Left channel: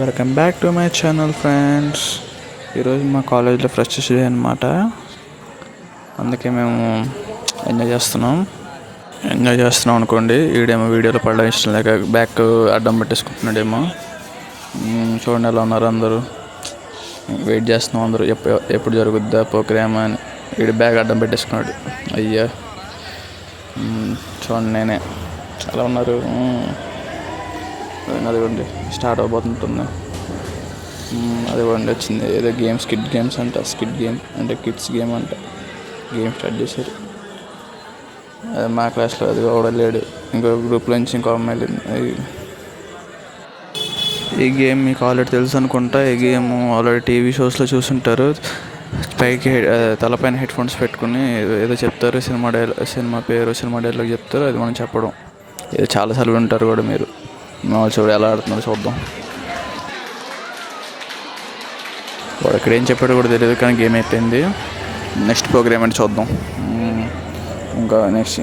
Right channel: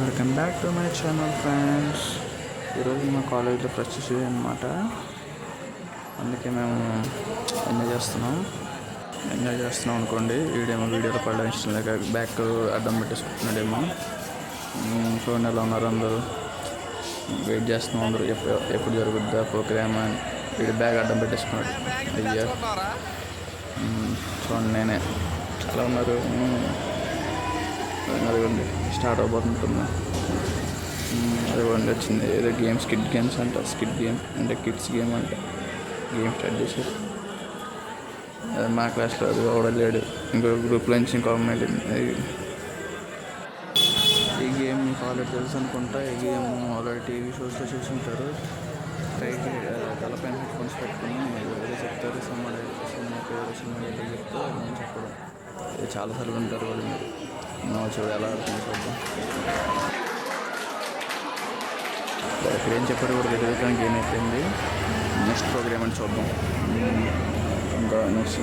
Welcome back to my channel friends. ఈరోజు మా కాలేజ్లో ఫ్రెషర్స్ డే అనమాట. అందుకే మేము ఎంజాయ్ చేస్తున్నాం అనుకోండి. ఈడేమో వీడియోలో పడడం ఇష్టం లేక బ్యాక్ అడ్డం పెట్టేసుకుంటున్నాడేమో. చూడండి ఎలా ఉన్నారు అందరూ. వెయిట్ చేస్తున్నాం అందరూ ఎప్పుడు జరుగుద్దా ప్రోగ్రామ్ అని. వీడు బ్యాగ్ అడ్డం పెట్టేసుకున్నాడు. అయ్యా చూడండి నేనే ఎలా ఉన్నారు. అదిగోండి స్టార్ట్ అవబోతుంటున్నా. అదిగోండి వచ్చింది ఏదో గేమ్, స్కిడ్ గేమ్స్ అంట. స్కిడ్ గేమ్ అంటే కిడ్స్ గేమ్ అంట. గేమ్ స్టార్ట్ చేశారు. అది మా క్లాస్లో అది లేడు. ఇంకో గ్రూప్లో నుంచి ఇంకో అమ్మాయి. ఈ గేమ్ మీకు ఆల్రెడీ తెలుసు అనుకుంటా. ఈ గేమ్ ఆల్రెడీ టీవీ షోస్లో చూసుంటారు. పైకి తలపైన హెడ్ ఫోన్స్ పెట్టుకుని ఏదో చెప్తారు. సినిమా పేరు, సినిమా డైలాగ్ చెప్తారు. అది మనం చెప్పడం. ఇది చాలాసార్లు ఉంటారు కూడా మీరు. చూడు ఎలా ఆడుతున్నారు చూద్దాం. వాడు ఇక్కడ ఏం చెప్పాడు కూడా తెలియదు, కానీ గేమ్ అయిపోయింది. నెక్స్ట్ ప్రోగ్రామ్ అంటే చూద్దాం.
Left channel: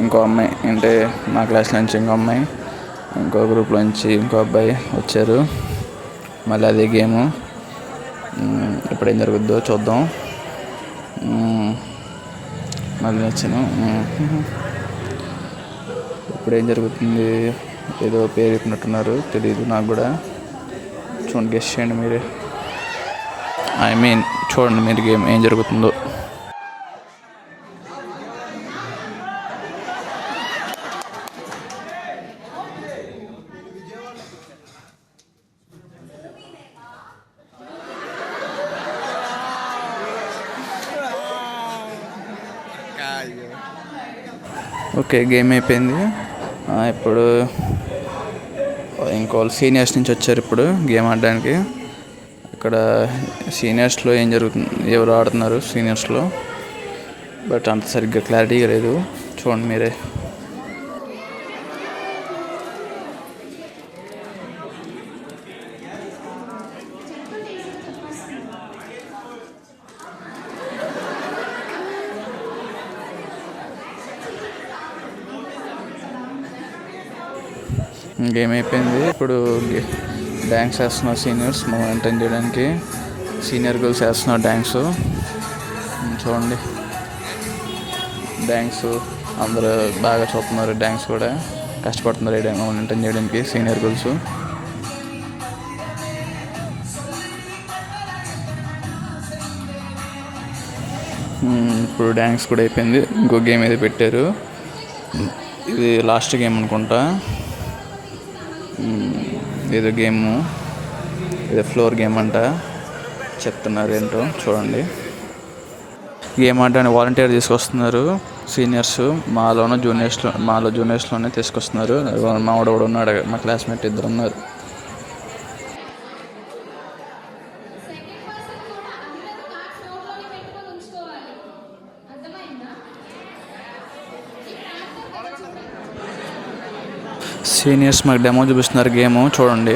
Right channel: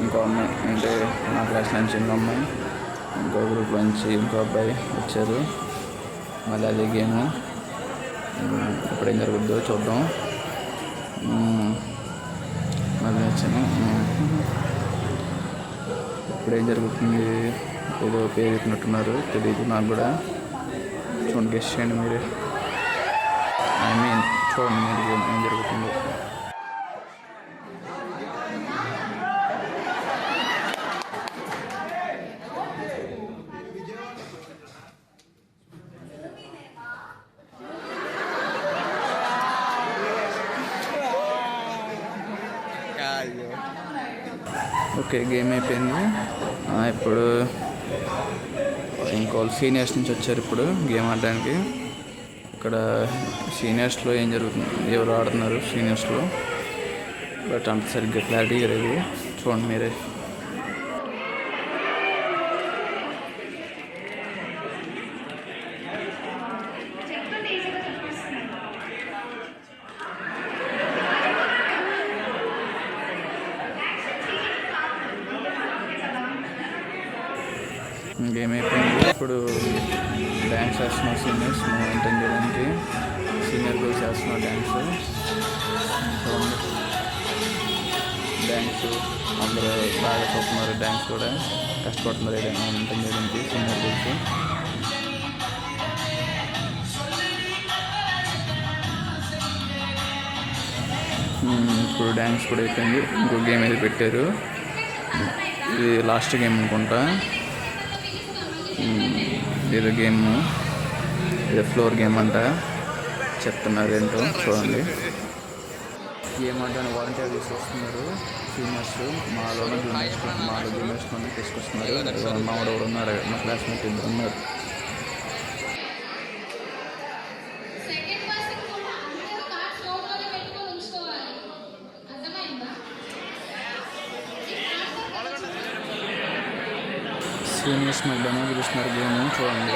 ఇంకో అమ్మాయి అంటే మా క్లాస్ నుంచి ఇంకో అమ్మాయి, ఇంకో గ్రూప్లో నుంచి ఇంకో అబ్బాయి వచ్చారు. మళ్ళీ అదే గేము. ఎప్పుడేం జరుగుద్దో చూద్దాం. మళ్ళీ వచ్చాను. ఇప్పుడేం జరుగుతుంది, ఏదో పేరు చెప్పినట్టున్నారు, తెలీదు నాకు కూడా. చూడండి, గెస్ చేయండి మీరు. చూడండి మీరు గేమ్ ఏం జరుగుతుందో. ఓకే, గేమ్ అయిపోయింది. ఇప్పుడు ఇంకోళ్ళు సీనియర్స్ నుంచి వచ్చారు ఇప్పుడు గేమ్ ఆడడానికి. ఇక్కడ సీనియర్స్లో ఏం జరుగుతుంది, ఎవరు ఆడుతున్నారు సీనియర్స్లో, బట్ అంత సరిగ్గా క్లారిటీగా లేదు. చూడండి మీరే. గేమ్ అయిపోయింది. ఇప్పుడు డ్యాన్స్ వేస్తున్నారు సీనియర్స్ మనం ఎంటర్టైన్ చేయడానికి. సీనియర్ గర్ల్స్ వేస్తున్నారు డ్యాన్స్. చూడండి డ్యాన్స్ అందరూ బాగా చూస్తున్నారు. డ్యాన్స్ కూడా కష్టపడుతున్నారు ఎంటర్టైన్ చేయడానికి సీనియర్ గర్ల్స్. ఇప్పుడు డ్యాన్స్ కూడా అయిపోయింది. ఇంకో గేమ్ ఏదో పెట్టారు. ఇది లాస్ట్ గేమ్ అనుకుంటా. ఏదో గేము, ఏదో ఫ్లోర్ గేమ్ అంట. చెప్తున్నారు ఏంటో చూడండి. గేమ్ ఆడడానికి వాలంటీర్ తీసుకొస్తున్నారు సీనియర్స్. మాలో జూనియర్స్లోనే తీసుకొస్తున్నారు. మావాడు కూడా ఉన్నాడు, మా క్లాస్మేట్ ఇద్దరు ఉన్నారు. సీనియర్స్ మాకు డెమో చూపిస్తున్నారు గేమ్ చూడండి.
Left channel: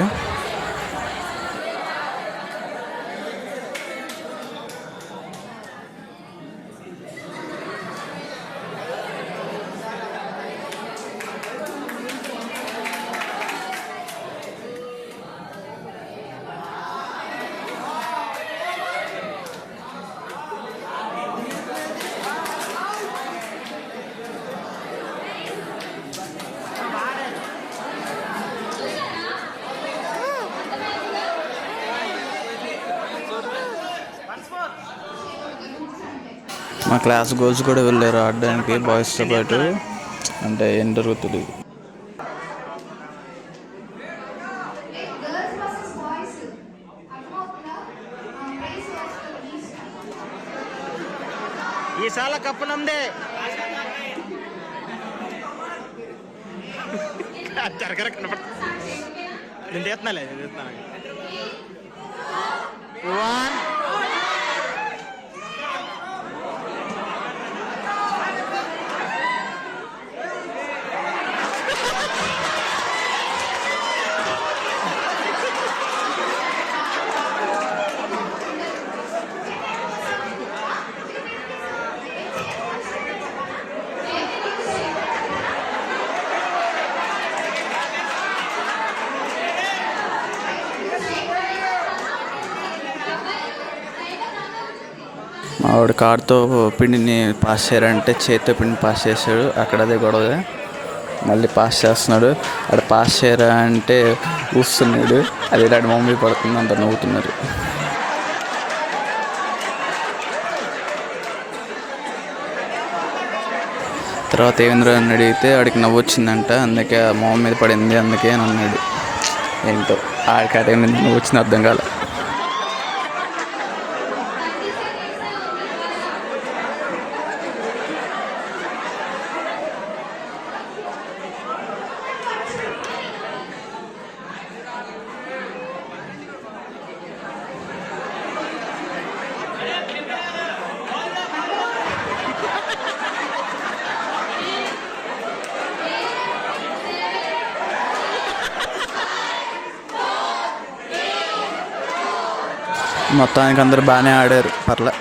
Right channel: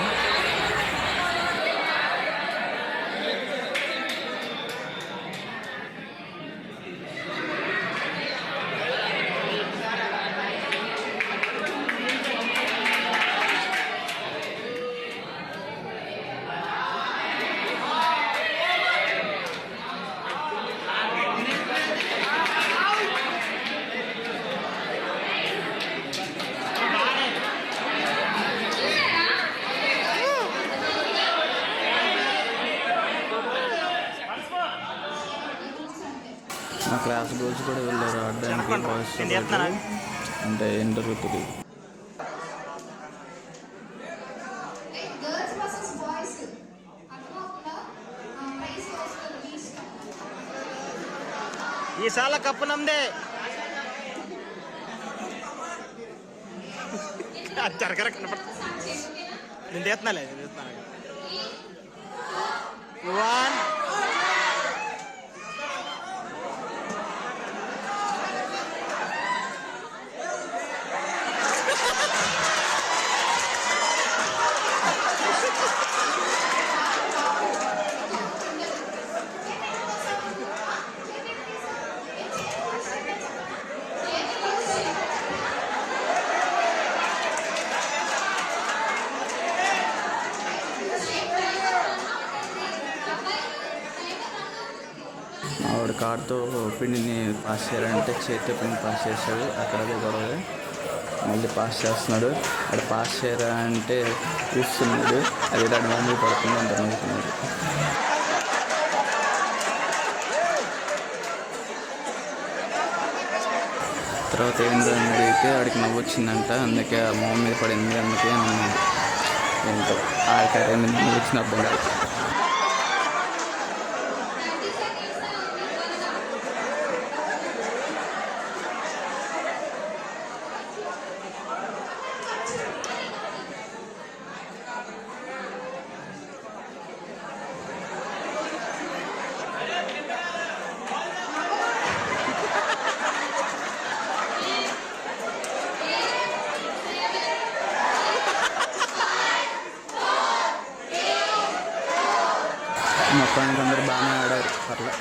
మా క్లాస్ గర్ల్స్ కూడా వెళ్ళారు ఆడడానికి బాయ్స్తో పాటు. అంటే ఏం జరుగుతుంది. ఈసాల కప్పు నమ్దే జరగర కనపడుతుంది. నేను తీస్తున్నాలే వన్ ఆవిడ కార్తో పిండిని పాస్ చేయాలంటే చేతితో పిండిని పాస్ చేశాడు. అక్కడ అదే గొడవ. మళ్ళీ పాస్ చేస్తున్నాడు. అక్కడ పాస్ చేయరా అంటే ఊస్తున్నాడు. అది ఇలాంటి మమ్మీ పడుతుంది. అంత నవ్వుతున్నారు. తర్వాత ఏమేంద్ర అని అడిగితే ఆడికి నవ్వు వచ్చిందంట. అందుకే ఆ మొహం మీద పడింది అందుకే అని అన్నాడు. ఏంటో ఆడికి అదే మీద నవ్వు వచ్చింది అర్థం కాదు. మొత్తానికి అందరూ బాగానే ఆడారు. పర్లే.